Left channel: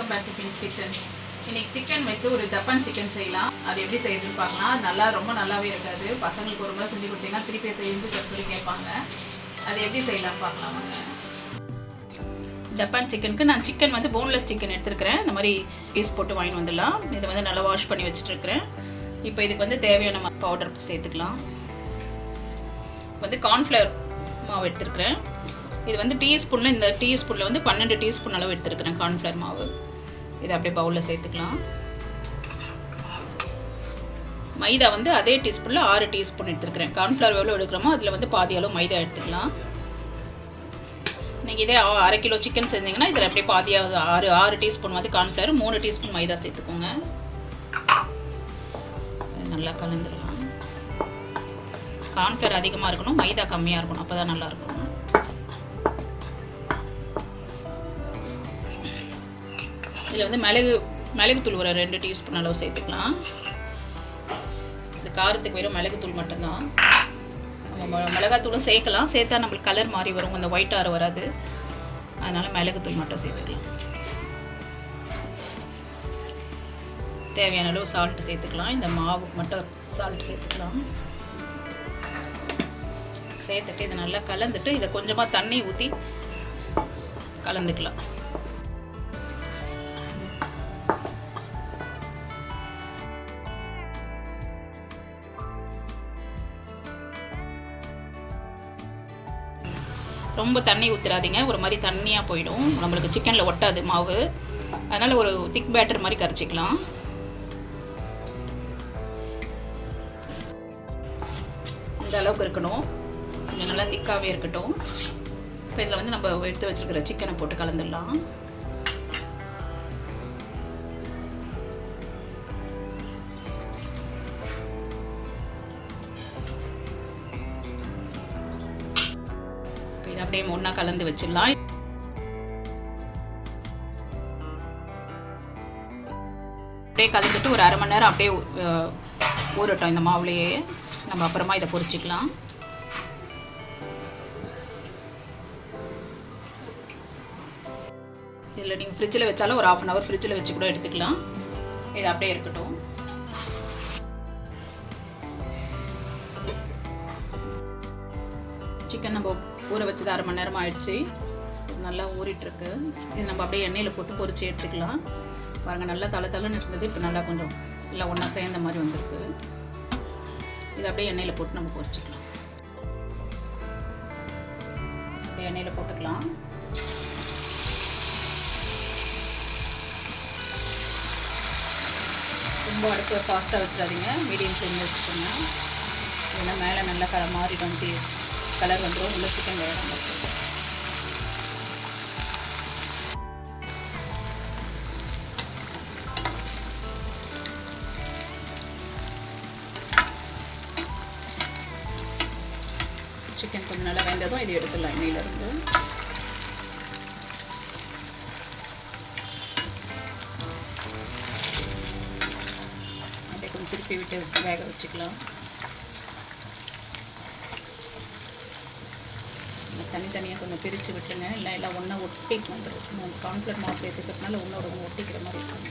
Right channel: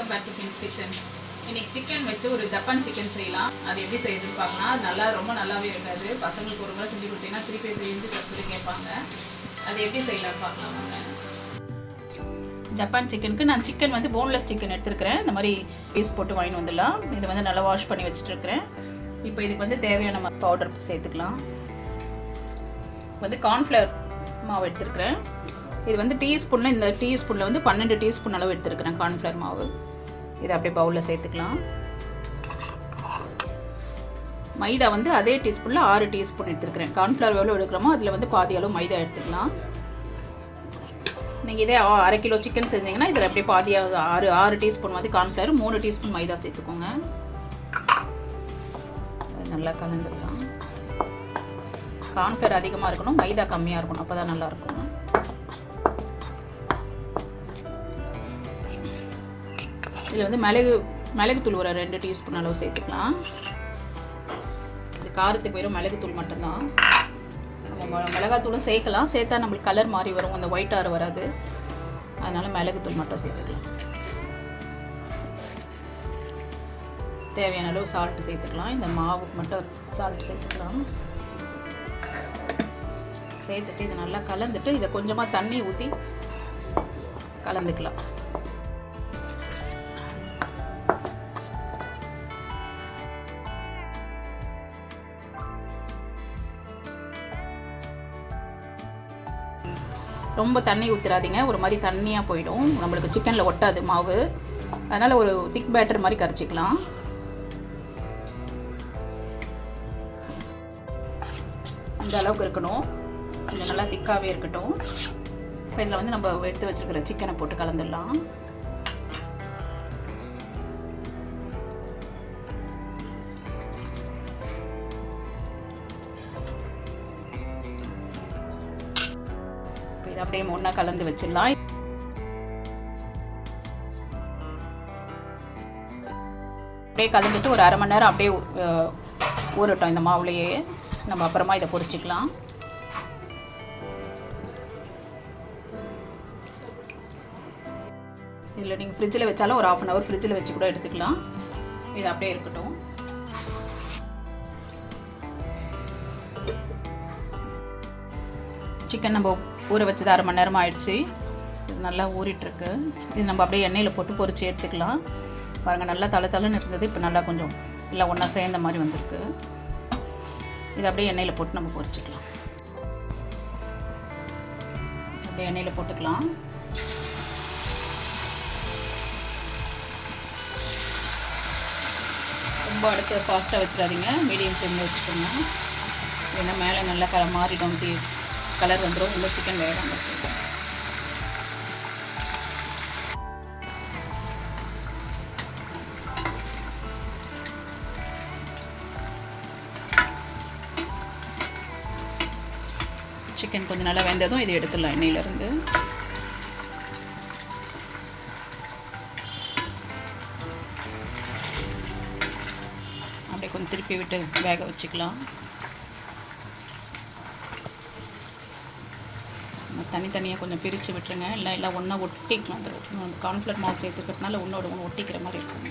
Welcome back to Fin's kitchen. இன்னைக்கு chicken வச்சு ஒரு ஜப்பான் சிக்கன் செய்யலாம். அது எப்படி செய்யுதுன்னு பார்க்கலாம். நல்லா ரொம்ப நல்லாவே இருக்காது. பசங்களுக்கு ஒரு முறை செஞ்சு கொடுத்தீங்கன்னா திருப்பி செஞ்சு சொல்லி கேட்பாங்க. அது எப்படி செய்யலாம் பார்க்கலாம் வாங்க. ஜப்பான் சிக்கனுக்கு நான் சிக்கன் வந்து போன்லெஸ் சிக்கன் எடுத்துருக்கிறேன். இந்த மாதிரி பீஸ் போட்டு வாங்கிட்டு வந்துடலாம். இதை வந்து நல்லா வாஷ் பண்ணி வச்சுட்டுருக்கிறேன். இப்போ இதுக்கு வந்து தேவையான பவுடர் சேர்த்துக்கலாம். வந்து கார்ன்ஃப்ளவர் மாவு எடுத்துருக்கிறேன். இது வந்து டீஸ்பூனில் இந்த டீஸ்பூனில் வந்து 12 டீஸ்பூன் அளவு எடுத்துருக்கிறேன் கார்ன்ஃப்ளவர் மாவு. இதை அப்படியே பவுலில் சேர்த்துக்கலாம். மைதா வந்து அதே டீஸ்பூனில் 6 டீஸ்பூன் எடுத்துருக்கிறேன். கார்ன்ஃப்ளவர் எவ்வளோ எடுக்கிறோமோ அதில் வந்து பாதி அளவு மைதா எடுத்துக்கலாம். நீங்கள் இதே 1/2 கிலோ சிக்கன் செஞ்சீங்கன்னா இதில் அப்படியே பாதியாக 6 டீஸ்பூன் வந்து கார்ன்ஃப்ளவர், 3 டீஸ்பூன் மைதா சேர்த்துக்கோங்க. நல்லா கலந்துடலாம். கார்ன்ஃப்ளவர் அதிகமாக இருக்கணும், மைதா கம்மியாக இருக்கணும், அப்போ தான் நல்லாயிருக்கும். இதில் வந்து மிளகுத்தூள் ஒரு 2 டீஸ்பூன் அளவு சேர்த்துக்கலாம். இது காரத்துக்கு வெறும் மிளகுத்தூள் மட்டும்தான். மிளகாத்தூளும் சேர்க்கலாம், சேர்த்தா நம்மளுக்கு கலர் மாறி வரும், அந்த ஒயிட் ஆறு வராது. அதனால் மிளகுத்தூள் மட்டும் சேர்த்துக்கலாம். தேவையான அளவு சால்ட்டு சேர்த்துக்கலாம். இந்த மாவுக்கு மட்டும் சால்ட்டு சேர்த்துக்கலாம். சேர்த்துட்டு இதை நல்லா கலந்துட்டு இதை கொஞ்சமாக தண்ணி ஊற்றி கலந்துக்கலாம். ரொம்ப தண்ணி ஊற்றிடாதீங்க, ஒரு மாதிரி தண்ணியாக போயிடும், நம்மளுக்கு சிக்கனில் ஒட்டாது மாவு. அதனால் ஒரு திக் பேட்டர் மாதிரி கரைச்சிக்கலாம். இந்த அளவுக்கு இருக்கணும், கொஞ்சம் நல்லா திக்காகவே இருக்கட்டும். இப்போ இதில் வந்து நம்ம எடுத்து வச்சுருக்கிற சிக்கனை போட்டு கலந்துடலாம். இதை அப்படியே ஒன்றா கலந்து வச்சிடலாம். அப்படியே கலந்துட்டு ஒரு 1/2 மணி நேரம் அப்படியே ஊறட்டும் இந்த மாவுலையே. நம்ம அப்புறமா இதை பொரிச்சிக்கலாம். இதில் நீங்கள் ஃப்ரிட்ஜில் வச்சாலும் ஒரு 1/2 hour ஃப்ரிட்ஜில் வச்சு கூட எடுத்துக்கலாம். இது அப்படியே இருக்கட்டும். சிக்கன் நம்ம ஊற வச்சது 1/2 மணி நேரமாக ஆயிடுச்சு. இது நல்லா ஊறிட்டுருக்கு. இது நம்ம அப்படியே எண்ணெயில் போட்டு பொரிச்சு எடுத்துக்கலாம். பாருங்கள், நல்லா தலை இருந்தது, இப்போ நல்லா கொஞ்சம் இல்லை ஒன்றா சேர்ந்த மாதிரி வந்திருக்கு. இதை அப்படியே எண்ணெயில் போட்டு நம்ம பொரிச்சிக்கலாம். அப்படியே எண்ணெயில் போட்டுக்கலாம். ரொம்ப அடுத்து ஃபாஸ்ட்டாக வச்சிடாதீங்க, மீடியம் ஃப்ளேமில் வச்சுக்கோங்க. ஏன்னா மேலே நல்லா மாறிடும், கலர் வந்துடும், உள்ள சிக்கன் வேகாமல் இருக்கும். சிக்கன் கொஞ்சம் நல்லா வெந்ததும் இதை எடுத்துடலாம் எண்ணெயிலேருந்து. அப்படியே கொஞ்சம் திருப்பி விட்டு வேக வச்சுக்கலாம். தனித்தனியாக கொஞ்சம் பிரித்து விட்டுருங்க, இல்லை எல்லாம் ஒன்றா ஒட்டிக்கணும். அந்த கார்ன்ஃப்ளவர் மாவு சேர்த்துக்கிறதுனால ஒன்றோட ஒன்று ஒட்டிக்கிற மாதிரி இருக்கும்.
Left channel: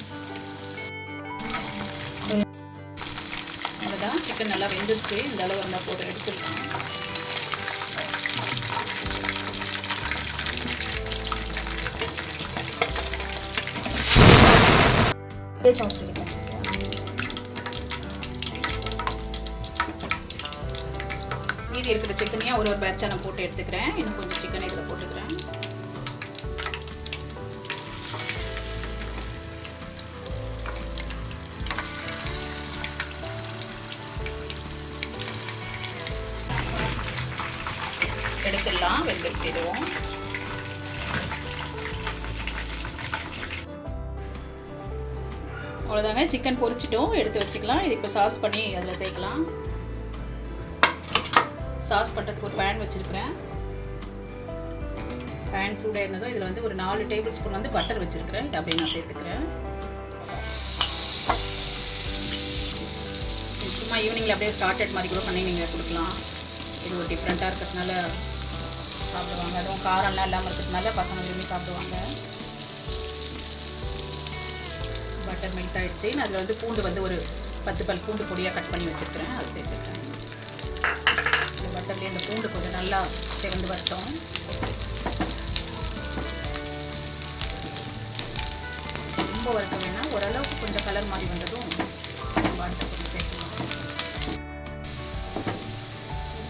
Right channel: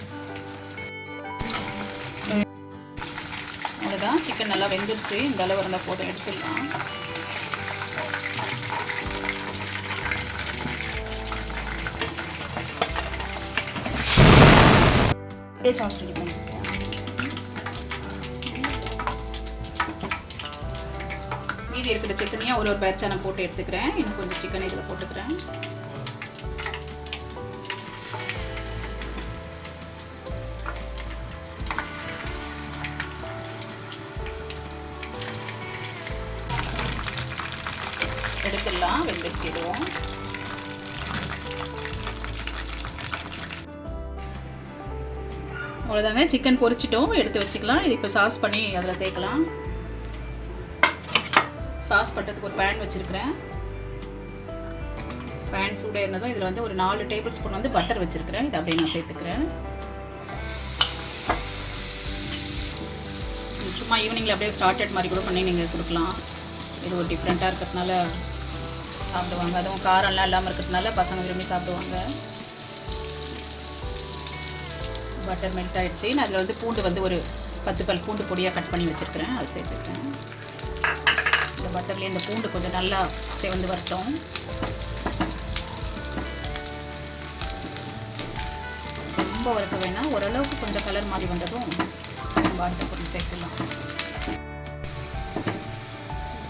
அவ்வளோதான், சிக்கன் நல்லா வெந்துருச்சு. இந்த அளவு இருந்தால் போட்டு எடுத்துடலாம். மீதி இருக்கிற சிக்கனையும் ஒரு பேட்சாக நான் போட்டு எடுத்துக்கிறேன். இன்னும் கொஞ்சம் சிக்கன் இதில் போட்டுக்கிறேன். எடுத்துடலாம், வெந்துருச்சு. இதுவும் அவ்வளோதாங்க, சிக்கன் பொரிச்சிட்டோம், எடுத்து வச்சுக்கலாம். இது இப்போ சாஸ் பண்ணி அதில் சேர்க்கலாம். சாஸ் பண்ணுறதுக்கு ஒரு பேன் வச்சுருக்கிறேன். பேன் சூடாக இருந்ததும் இதில் வந்து ஒரு 4 டேபிள் ஸ்பூன் வந்து பட்டர் வச்சுருக்கிறேன். இதை அப்படியே நான் சேர்த்துக்கிறேன். சும்மா ஈவினிங்கில் அப்படியே ஸ்டார்டட் மாதிரி கூட பண்ணி நீங்கள் கொடுக்கலாம். இது ஒரு டிஃப்ரெண்ட்டாக இருக்கிறதுனால சாப்பிடுவாங்க. அதுவும் காரம்லாம் இல்லாமல் இருக்கிறதுனால பசங்க விரும்பி சாப்பிடுவாங்க. பட்டர் மெல்ட் ஆகிடுச்சு. நான் அதில் வந்து பூண்டு வந்து ஒரு 10 பல் பூண்டு பொடியாக கட் பண்ணி வச்சுருக்கிறேன், அது சேர்த்துக்கிறேன். இந்த பட்டர்லேயே இந்த பூண்டு கொஞ்சம் நல்லா செவந்து வரட்டும். ரொம்ப வறுக்க வேணாம், ஓரளவுக்கு கொஞ்சம் கலர் மாதிரி வந்ததும் நம்ம அடுத்த கொஞ்சம் சேர்க்கலாம்.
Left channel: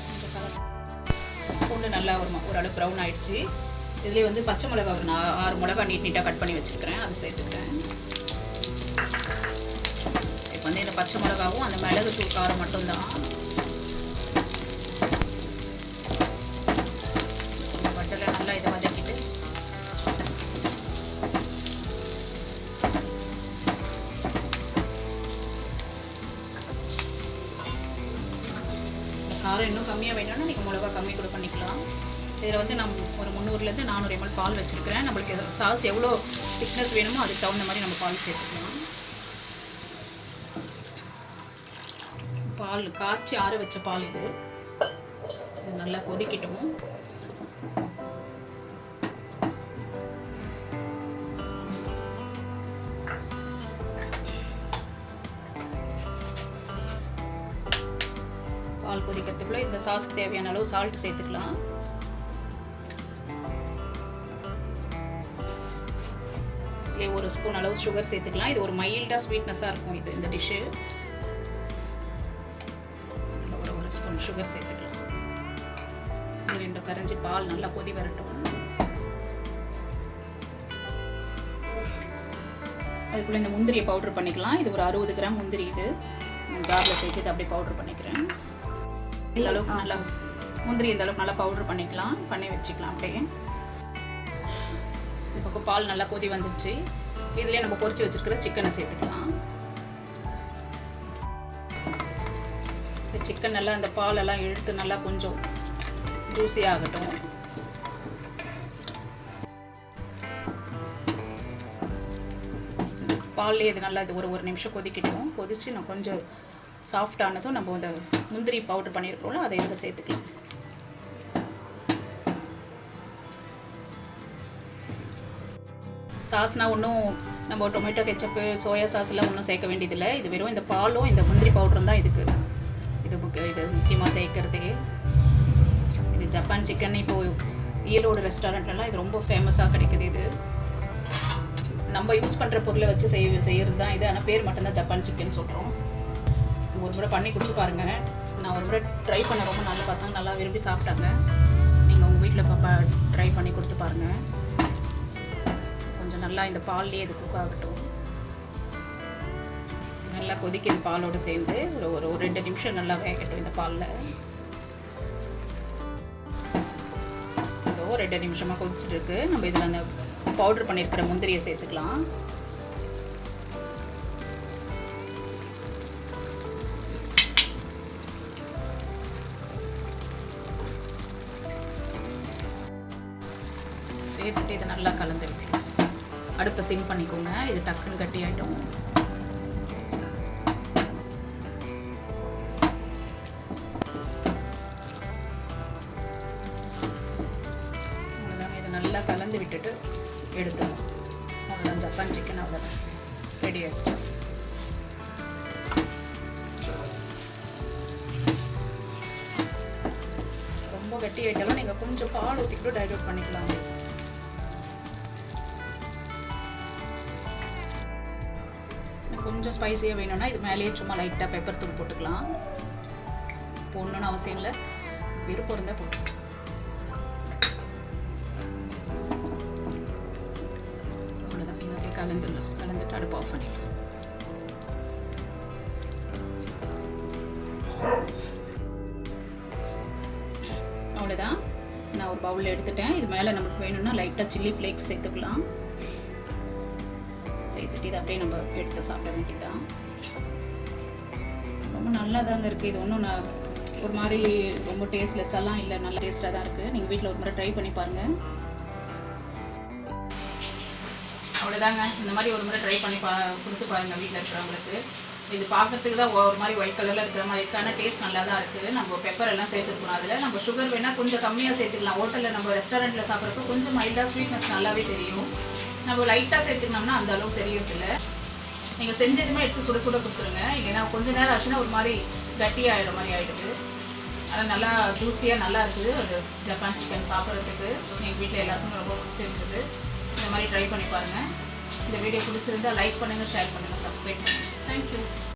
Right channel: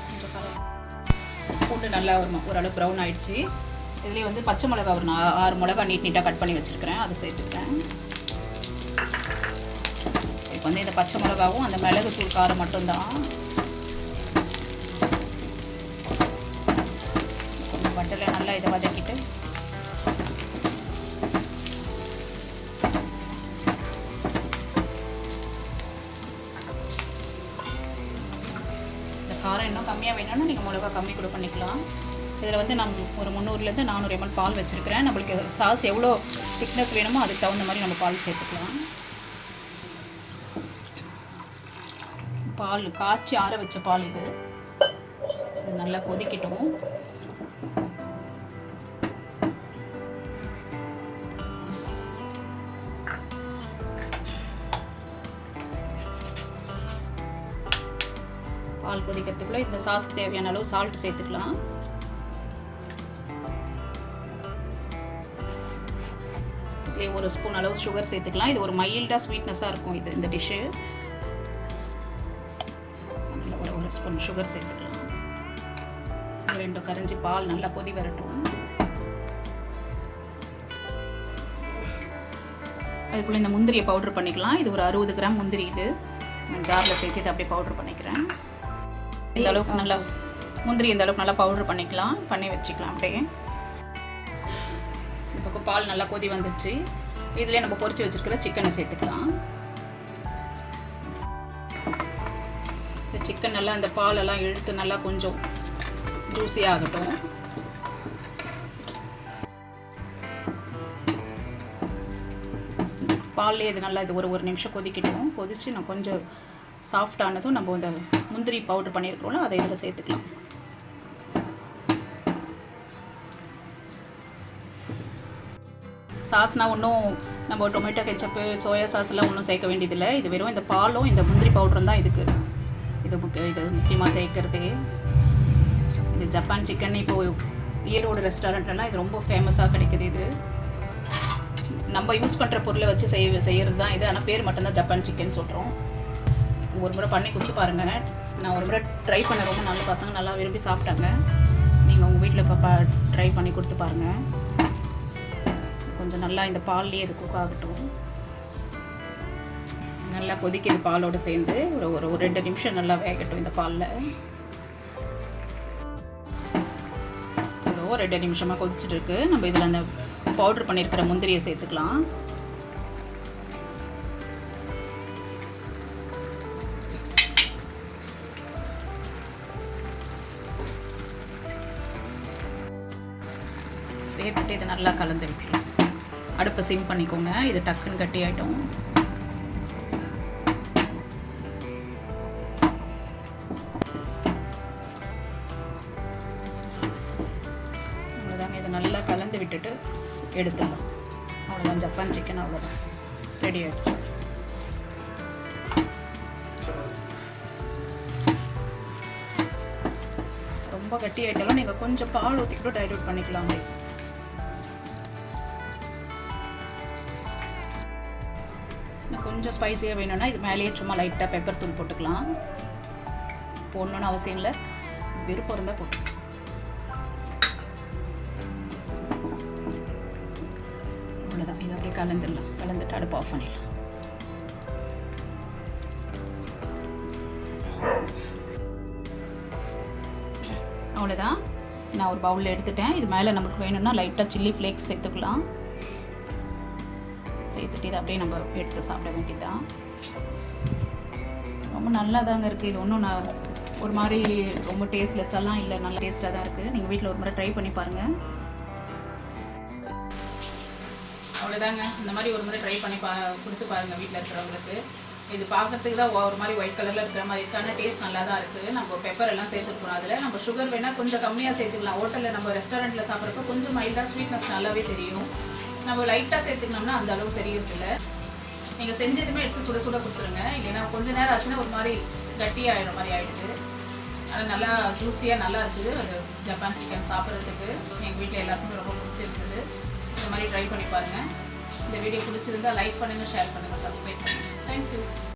கொஞ்சம் கலர் பூண்டு நல்லா ஓரளவு ப்ரௌன் ஆகிடுச்சு. இதுலேயே வந்து பச்சை மிளகா ஒரு 6 மிளகா நீட்டாக கட் பண்ணி வச்சுருக்கிறேன், அது சேர்த்துக்கிறேன். இப்போ வந்து இந்த பச்சை மிளகாவும் அந்த மிளகு தூள் காரம் மட்டும்தான். இந்த பட்டரில் நல்லா இதை வதக்கிட்டு இந்த காரம் இன்னும் கம்மியாக வேணும்னா நீங்கள் மிளகா கம்மி கூட பண்ணிக்கலாம். இதில் வந்து நம்ம ஒரு 300 to 400 ml பால் வச்சுருக்கிறேன். நம்மளுக்கு சாஸ் எவ்வளோ திக்னஸ் வேணுமோ அதுக்கு தகுந்த மாதிரி நம்ம பால் சேர்த்துக்கலாம். பால் காய்ச்சி ஆற வச்ச பால் இது நல்லா கொதிக்கட்டும். பால் கொதிக்கிறதுக்குள்ளே இந்த சாஸ்க்கு தேவையான அளவு சால்ட் சேர்த்துக்கலாம். ஒரு ஸ்பூன் அளவு சுகர் சேர்த்துக்கலாம். இது ஒரு மைல்டாக ஸ்வீட்னஸாக இருக்கும் இது இந்த டிஷ்ஷு. ஒரு ஸ்பூன் சுகர் சேர்த்துக்கலாம். 2 கரண்டி பால் நல்லா கொதி வரட்டும். அதுக்குள்ளே இந்த முந்திரியை பவுட்ரு பண்ணிக்கலாம். இது ஒரு 60 கிராம் முந்திரி, இது ஜாரில் சேர்த்து இது அப்படியே பவுட்ரு பண்ணிக்கிறேன். இந்த அளவுக்கு நல்லா முந்திரி இந்த அளவுக்கு நல்லா பவுட்ரு பண்ணிக்கலாம், பண்ணி வச்சுக்கலாம் அப்படியே. இப்போ பால் நல்லா கொதி வந்துடுச்சு. இதிலே நம்ம பொரிச்சு வச்சுருக்கிற சிக்கனை சேர்த்துக்கலாம். இந்த சிக்கன் நல்லா அந்த பாலெல்லாம் இழுத்து நல்லா கொஞ்சம் ஜூஸி ஆகட்டும். பால்லே இது நல்லா இது ஒரு நிமிஷம் கொதிக்கட்டும். கொதிச்சு நான் கொஞ்சம் சாஃப்ட் ஆனதும் நம்ம இந்த முந்திரி பவுடர் பண்ணியிருக்கிறோம்ல அதை இதில் சேர்த்துக்கலாம். சாஸ்னால் ஒன்றும் நம்ம டொமேட்டோ கெச்சப்பு சோயா சாஸ்லாம் ஒன்றும் சேர்க்க வேண்டியதில்லை. இது வெறும் இந்த பாலும் இந்த முந்திரி பவுடரும் தான் இதுக்கு இது முக்கியமாக சேர்க்குறது. இது ஜப்பான் சிக்கன் இப்போது ஈரோடு ரெஸ்டாரண்ட்லாம் இது ரொம்ப ஃபேமஸாக கிடைக்குது. இது நம்ம யூஸ் பண்ணுற பொருளை வச்சு செய்கிறது தான் இது. ஆனால் பேர் மட்டும்தான் ஜப்பான் சிக்கன் சொல்கிறோம். ஒரு முறை பண்ணி கொடுத்து பாருங்கள். நான் ஒரு முறை ட்ரை பண்ண ரொம்ப நல்ல பசங்க நல்லா விரும்பி சாப்பிட்டாங்க. நீங்கள் உங்கள் வீட்டில் இப்போ ட்ரை பண்ணி கொடுத்து பாருங்கள். கொஞ்சம் நல்லா இந்த பால்லேயே இது குக் ஆகட்டும். நல்லா கொதிக்குது பாலோடு சேர்ந்து. ஒரு 2 நிமிஷம் நல்லா வேகட்டும் இந்த பாலில். இதோ 2 நிமிஷமாக கொதிச்சுட்டு இருக்கு. நம்ம இதில் அந்த பவுட்ரு பண்ணியிருக்கிற முந்திரியை சேர்த்துக்கலாம். சேர்த்துட்டு இதை நல்லா கலந்துருக்கலாம். அடுப்பை சிம் பண்ணிக்கோங்க, இது டக்குன்னு கட்டி ஆகிடும். அவ்வளோதாங்க, இதை நல்லா கலந்து விட்டுட்டு எடுத்துடலாம். அவ்வளோதான், ஜப்பான் சிக்கன் அவ்வளோதான் ரெடி ஆகிடுச்சு. ரொம்ப கட்டி ஆகிட்டாலும் நீங்கள் கொஞ்சம் பால் ஊற்றிக்கிட்டு டைல்யூட் பண்ணிக்கலாம். கொஞ்சம் ஸ்பைஸியாக வேணும்னா இது மேலேயே சும்மா லைட்டாக பெப்பர் தூள் போட்டுக்கலாம். போடணுன்னு அவசியம் இல்லை, விருப்பம் இருந்தால் போட்டு. அவ்வளோதான், இதை அப்படியே கலந்துடலாம். கலந்துட்டு அடுப்பு ஆஃப் பண்ணிடலாம். அவ்வளோதான், நான் ஒரு பவுலில் எடுத்துட்டேன். இது மேலே நமக்கு வேணும்னா லைட்டாக சில்லி ஃப்ளேக்ஸ் சேர்த்துக்கலாம். சேர்த்துட்டு இதை அப்படியே நம்ம எடுத்து சாப்பிட வேண்டியதுதான். ரொம்ப நல்லா தாங்க இருக்குது. இது ஒன்றும் நான் ஒரு மாதிரி ரொம்ப டேஸ்ட்லெஸ்ஸெல்லாம் இல்லை, நல்லா டேஸ்ட்டாக தான் இருக்குது. நீங்கள் வீட்டில் ஒரு முறை ட்ரை பண்ணி பாருங்கள். அவ்வளோதாங்க, இந்த மாதிரி ஒரு முறை ட்ரை பண்ணி கொடுத்து பாருங்கள் வீட்டில் இருக்கிறவங்களுக்கு. இது பார்க்கறதுக்கு தான் ஒரு மாதிரி ஒயிட் கலரில் இருக்கிற மாதிரி இருக்கான டேஸ்ட் நல்லா தான் இருக்குது. நம்ம பெப்பர் எல்லாம் சேர்த்துருக்கணும். அதில் நம்ம சுகர் வேணால் கொஞ்சம் கம்மியாக சேர்த்துக்கலாம். ஹோட்டலில் நம்ம ரெஸ்டாரண்ட்டில் சாப்பிட்றப்ப கொஞ்சம் மைல்டாக ஸ்வீட்னஸ் நல்லாவே தெரியும். நம்ம லைட்டாக சேர்த்துக்கணும்னா அந்த அளவுக்கு தெரியறதில்ல. நீங்கள் செஞ்சதுமே எடுத்து சுட சுட கொடுத்துருங்க. இல்லைன்னா கொஞ்சம் நேரம் ஆச்சுன்னா ஒரு மாதிரி கட்டியாகிடும் மாதிரி ஆகிடுது. அது நல்லா ஜூஸியாக நல்லா இருக்குது. அது ஜப்பான் சிக்கன் சாப்பிட்றதுக்கு எங்கள் வீட்டில் எல்லாருக்குமே ரொம்ப பிடிச்சிருக்குது. இந்த மாதிரி ட்ரை பண்ணி பாருங்கள். இந்த வீடியோ பிடிச்சிருந்தால் லைக் பண்ணுங்கள், ஷேர் பண்ணுங்கள், சப்ஸ்கிரைப் பண்ணுங்கள். தேங்க்யூ.